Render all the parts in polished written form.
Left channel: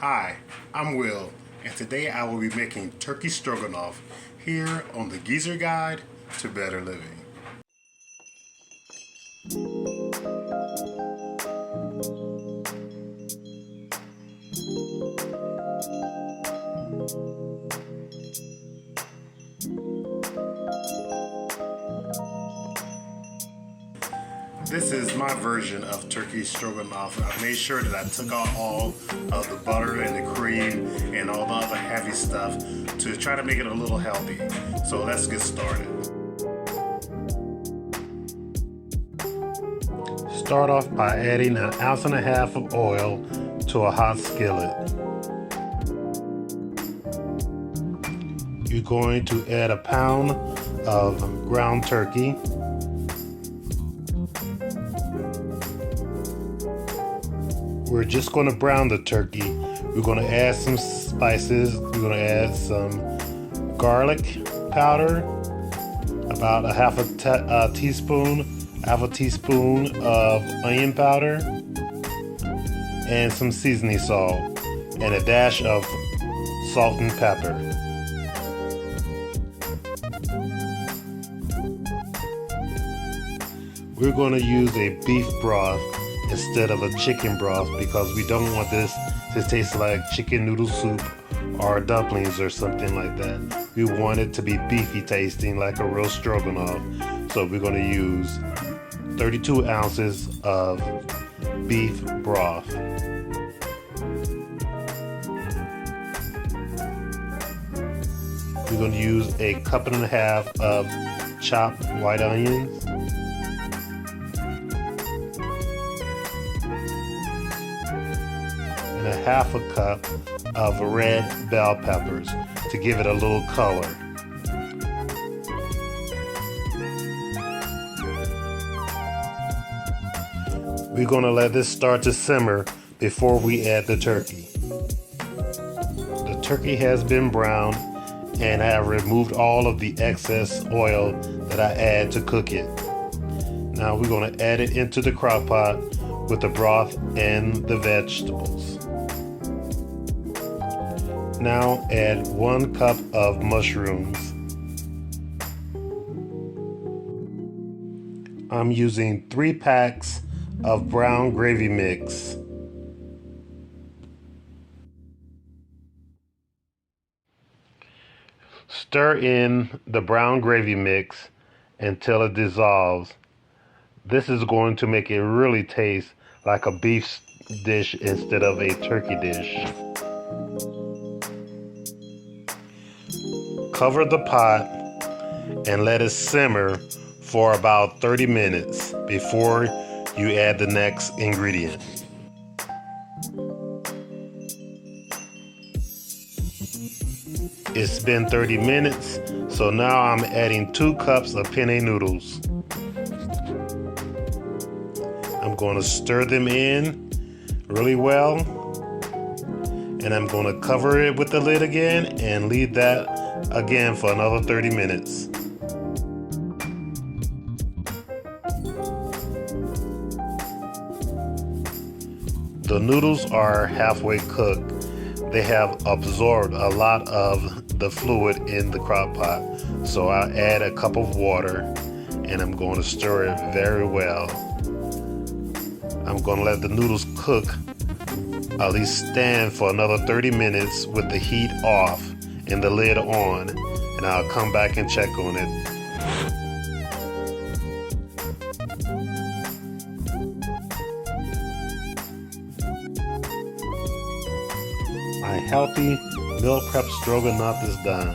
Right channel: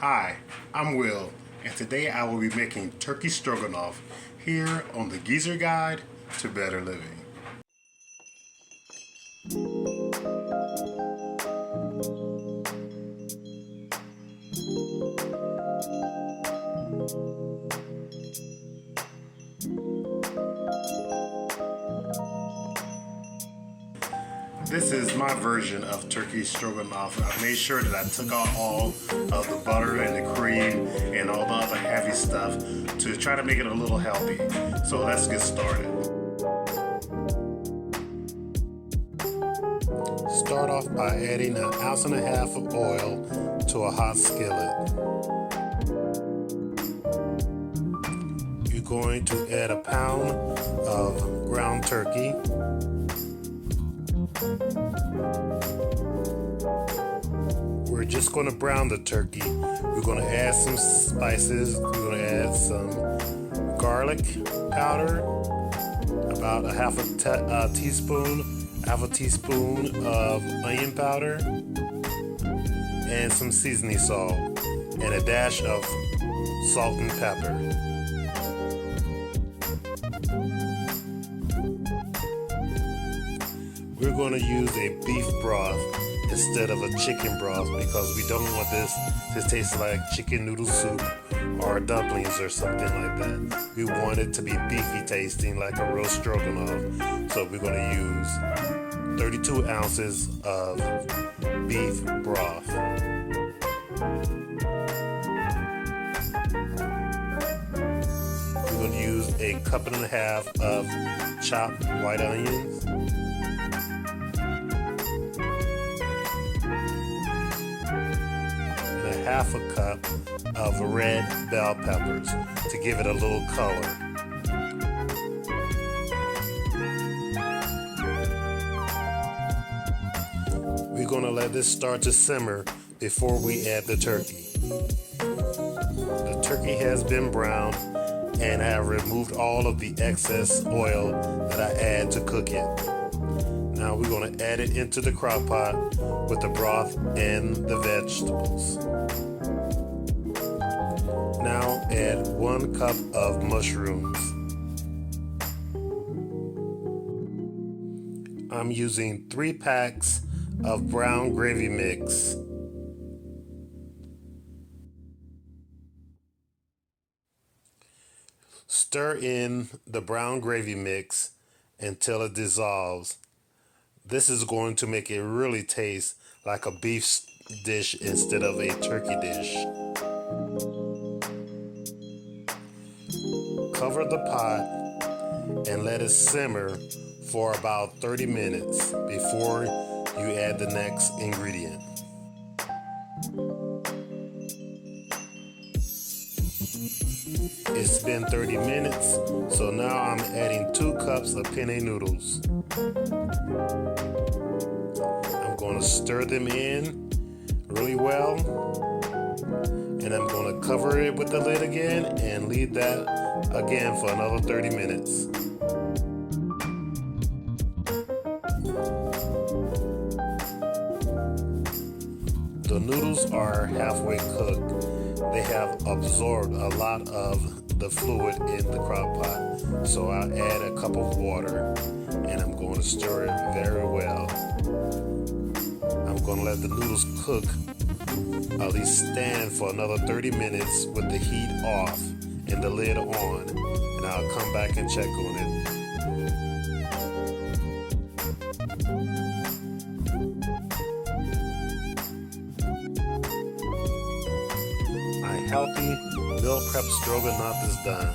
Hi, I'm Will, and today I will be making turkey stroganoff here on the Geezer Guide to Better Living. This is my version of turkey stroganoff. I made sure that I took out all of the butter and the cream and all the other heavy stuff to try to make it a little healthy. So let's get started. Start off by adding 1.5 ounces of oil to a hot skillet. You're going to add 1 pound of ground turkey. We're just going to brown the turkey. We're going to add some spices. We're going to add some garlic powder, about half a teaspoon of onion powder, and some seasoning salt, and a dash of salt and pepper. We're going to use a beef broth instead of a chicken broth because we don't want this to taste like chicken noodle soup or dumplings or something like that. We want it to be beefy tasting like a real stroganoff. So we're going to use 32 ounces of beef broth. We're going to use 1.5 cups of chopped white onions. Half a cup of red bell peppers to give it a little color. We're going to let this start to simmer before we add the turkey. The turkey has been browned and I have removed all of the excess oil that I add to cook it. Now we're going to add it into the crock pot with the broth and the vegetables. Now add 1 cup of mushrooms. I'm using 3 packs of brown gravy mix. Stir in the brown gravy mix until it dissolves. This is going to make it really taste like a beef dish instead of a turkey dish. Cover the pot and let it simmer for about 30 minutes before you add the next ingredient. It's been 30 minutes, so now I'm adding 2 cups of penne noodles. I'm going to stir them in really well, and I'm going to cover it with the lid again and leave that again for another 30 minutes. The noodles are halfway cooked. They have absorbed a lot of the fluid in the crock pot, so I'll add a cup of water and I'm going to stir it very well. I'm going to let the noodles cook, at least stand for another 30 minutes with the heat off and the lid on, and I'll come back and check on it. My healthy meal prep stroganoff is done.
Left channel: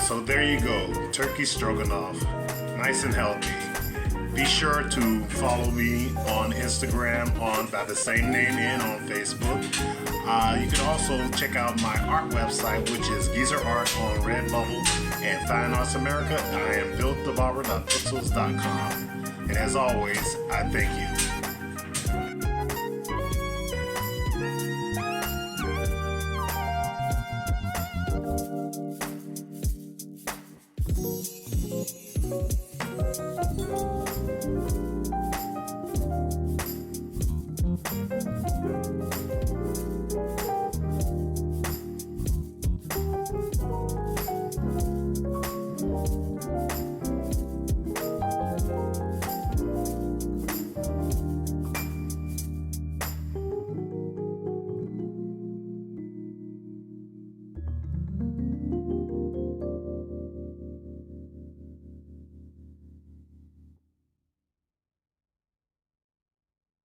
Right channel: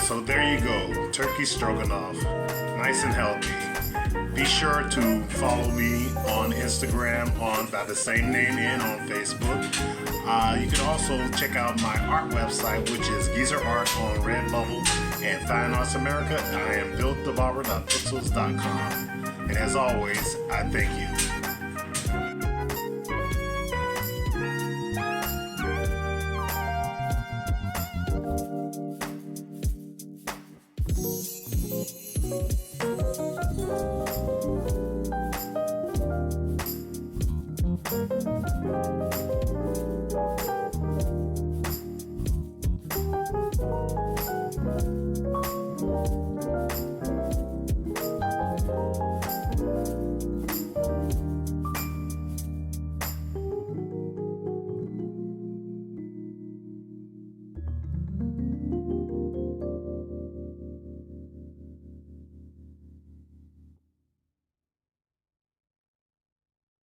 So there you go, turkey stroganoff, nice and healthy. Be sure to follow me on Instagram by the same name and on Facebook. You can also check out my art website, which is Geezer Art on Redbubble, and Fine Arts America. I am BillTheBarber.pixels.com. And as always, I thank you.